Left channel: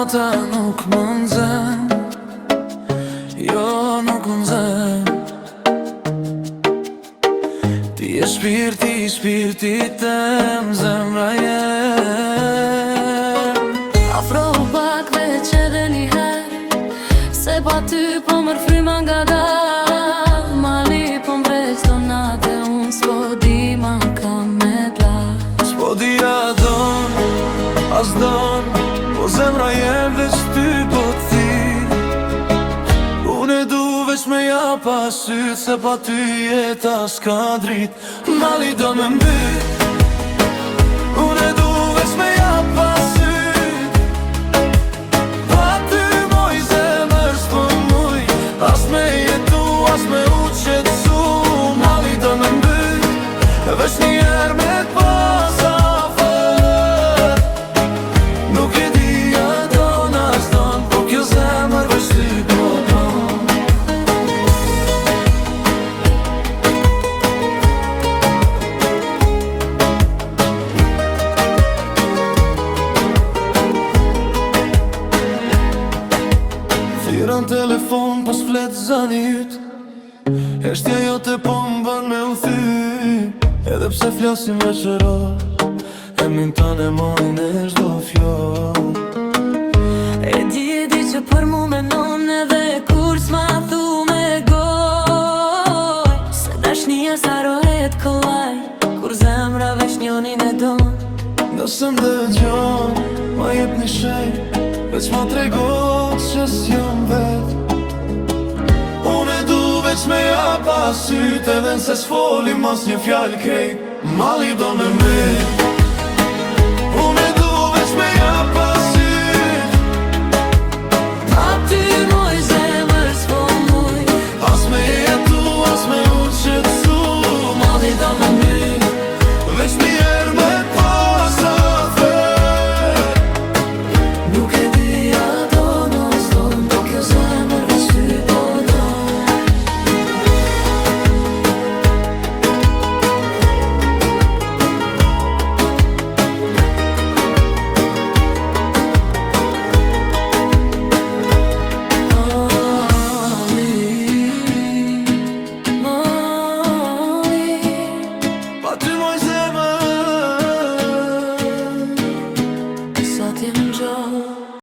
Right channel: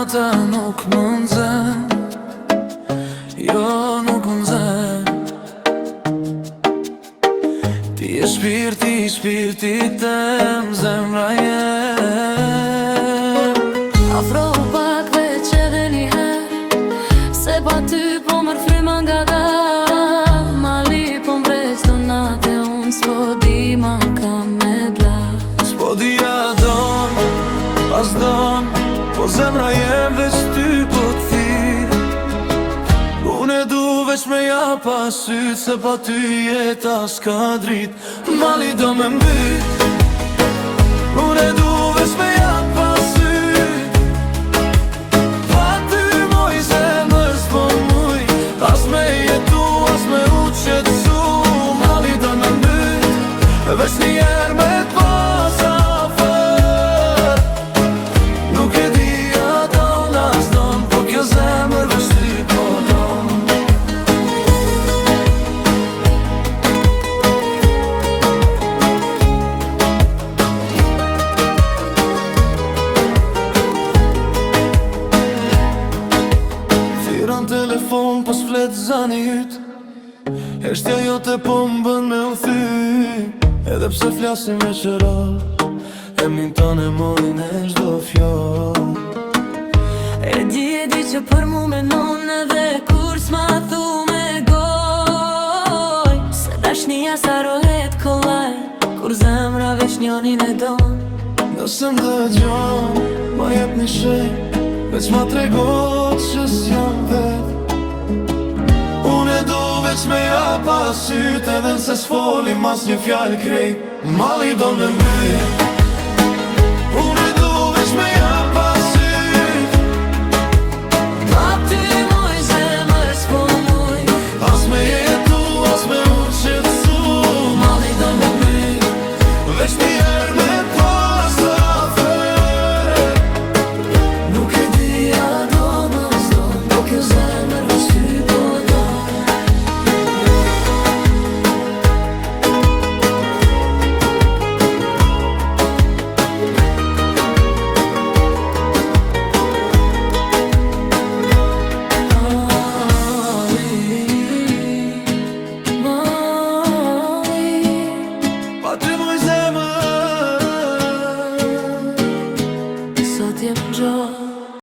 jote nuk më nxen, jo nuk më nxen. Ti e shpirti tem, zemra jem. Afro pak veç edhe njëher, se pa ty po mërë fryma nga dal. Mali po mbreq do nate, unë s'po di ma ka me bla. S'po di a don, as don, po zemra jem veç ty po thirr. Unë e du veç me ja pa syt, se pa ty jeta s'ka drit. Mali do me mbyt, unë e du veç me ja pa syt. Pa ty moj zemër s'po muj, as me jetu, as me u qetsu. Mali do me mbyt, veç njerë me t'pas afer. Nuk e di a don as don, po kjo zemër veç ty po don. Thiran telefon po s'flet zani yt, heshtja jote po m'bën me u thy. Edhe pse flasim veçëror, emnin tane mojnë e çdo fjall. E di që për mu menon edhe kur s'ma thu me goj, se dashnia sarohet kollaj, kur zemra veç njonin e don. Nëse m'dëgjon, ma jep një shenjë, veç ma tregot që s'jam vet. Unë e du veç me ja pa syt, edhe nëse s'folim mas një fjallë krejt. Mali do me mbyt, unë e du veç me ja pa syt. Pa ty moj zemër s'po muj, As me jetu, as me u qetsu. mali do me mbyt, Veç njerë me t'pas afer. nuk e di a don as don, po kjo zemër veç ty po don. Pa ty moj zemër, Sa t'jem gjatë